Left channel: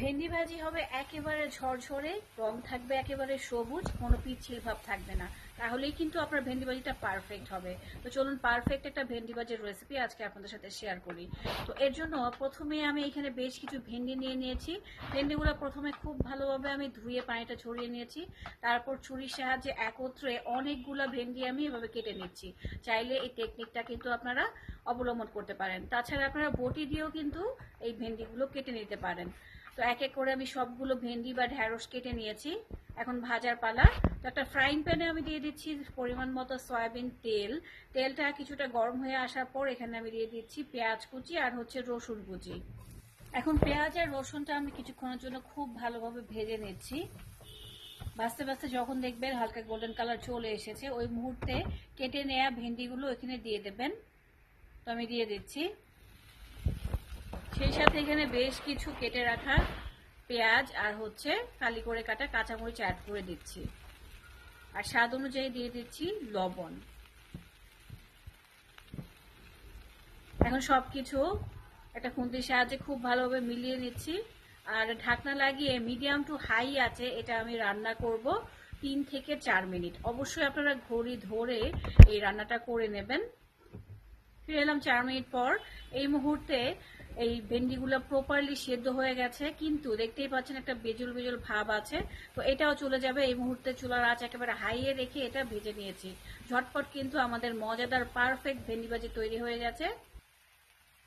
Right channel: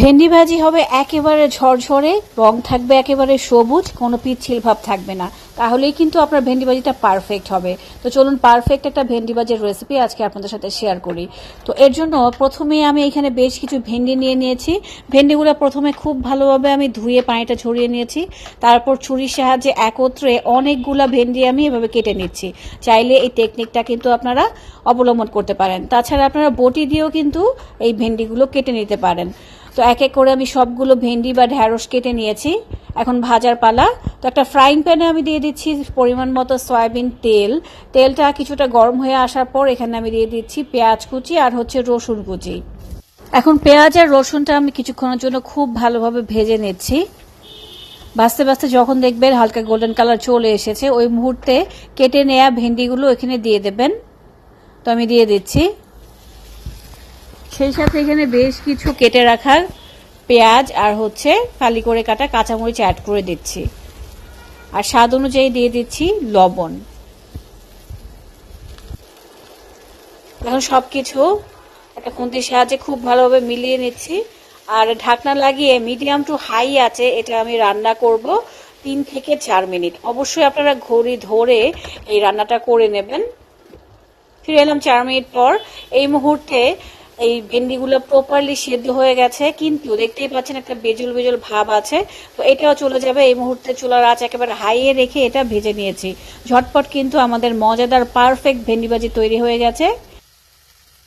ভেন্ডি ভাজি হবে একেবারে ঝরঝরে, রং থাকবে একেবারে সবুজ, কোনো পিচ্ছিল ভাব থাকবে না। তাহলেই কিন্তু আপনার ভেন্ডি ভাজিটা পারফেক্ট হবে। তো চলুন পারফেক্ট একটা ভেন্ডি ভাজির রেসিপি আজকে আপনাদের সাথে শেয়ার করি। তো এর জন্য প্রথমেই আমি এখানে বেশ কিছু ভেন্ডি নিয়ে নিয়েছি। ভেন্ডিগুলো প্রথমে খুব ভালোভাবে আমি ধুয়ে পানিটা ঝরিয়ে নিয়েছি। তারপর ছুরির সাহায্যে একত্রে অনেকগুলা ভেন্ডি আমি এভাবে কেটে নিচ্ছি। চাইলে এই টেকনিকটা কিন্তু আপনারা অবলম্বন করতে পারেন। তাছাড়া আপনারা বটি দিয়েও কিন্তু এই ভেন্ডিগুলো কেটে নিতে পারেন। তো এক এক করে আমি সবগুলো ভেন্ডি বা ঢ্যাঁড়স কেটে নিয়েছি। এখন ভাজার পালা। তো একটা ফ্রাইং প্যানে আমি দিয়ে দিচ্ছি পরিমাণ মতো সয়াবিন তেল। তেলটা কিছুটা গরম হয়ে আসার পর এখানে আমি দিয়ে দিচ্ছি পেঁয়াজ কুচি আর হচ্ছে রসুন কুচি। এখন পেঁয়াজ আর রসুনটা আমি কিছুক্ষণের জন্য খুব ভালোভাবে ভেজে নিচ্ছি। ভাজতে ভাজতে যখন দেখবেন হালকা গোল্ডেন কালার চলে এসেছে, ওই মুহূর্তে কেটে নেওয়া ভেন্ডিগুলো এখানে দিয়ে দেবেন। তো আমি দিয়ে দিচ্ছি। সেই সাথে এখানে বেশ কিছু কেটে রাখার পেঁয়াজ আর হচ্ছে ফালি করে কাটা কাঁচামরিচ অ্যাড করে দিচ্ছি। আর স্বাদ অনুযায়ী দিয়ে দিচ্ছি লবণ। এখন সবকিছু একটা খুন্তির সাহায্যে খুব ভালোভাবে মিলিয়ে নিচ্ছি। আর ঢাকনা লাগিয়ে মিডিয়াম টু হাই আছে এটা আমি রান্না করব 3 থেকে 4 মিনিট। অবশ্যই আপনারা ঘড়ি ধরে এই রান্নাটা করে নেবেন। ফিরে এলাম 4 মিনিট পর। এই মুহূর্তে এই ভেন্ডিগুলো প্রপারলি সেদ্ধ হয়ে গেছে, কিন্তু দেখতেই পাচ্ছেন একটা বেজল বেজল ভাব আছে। তো এটাও চলে যাবে। এই মুহূর্তে চুলার আঁচ একেবারে হাইয়ে রেখে এটা ভেজে নিয়েছি। ঝটপট কিন্তু আমাদের মজাদার পারফেক্ট ভেন্ডি ভাজি তৈরি হয়ে গেছে।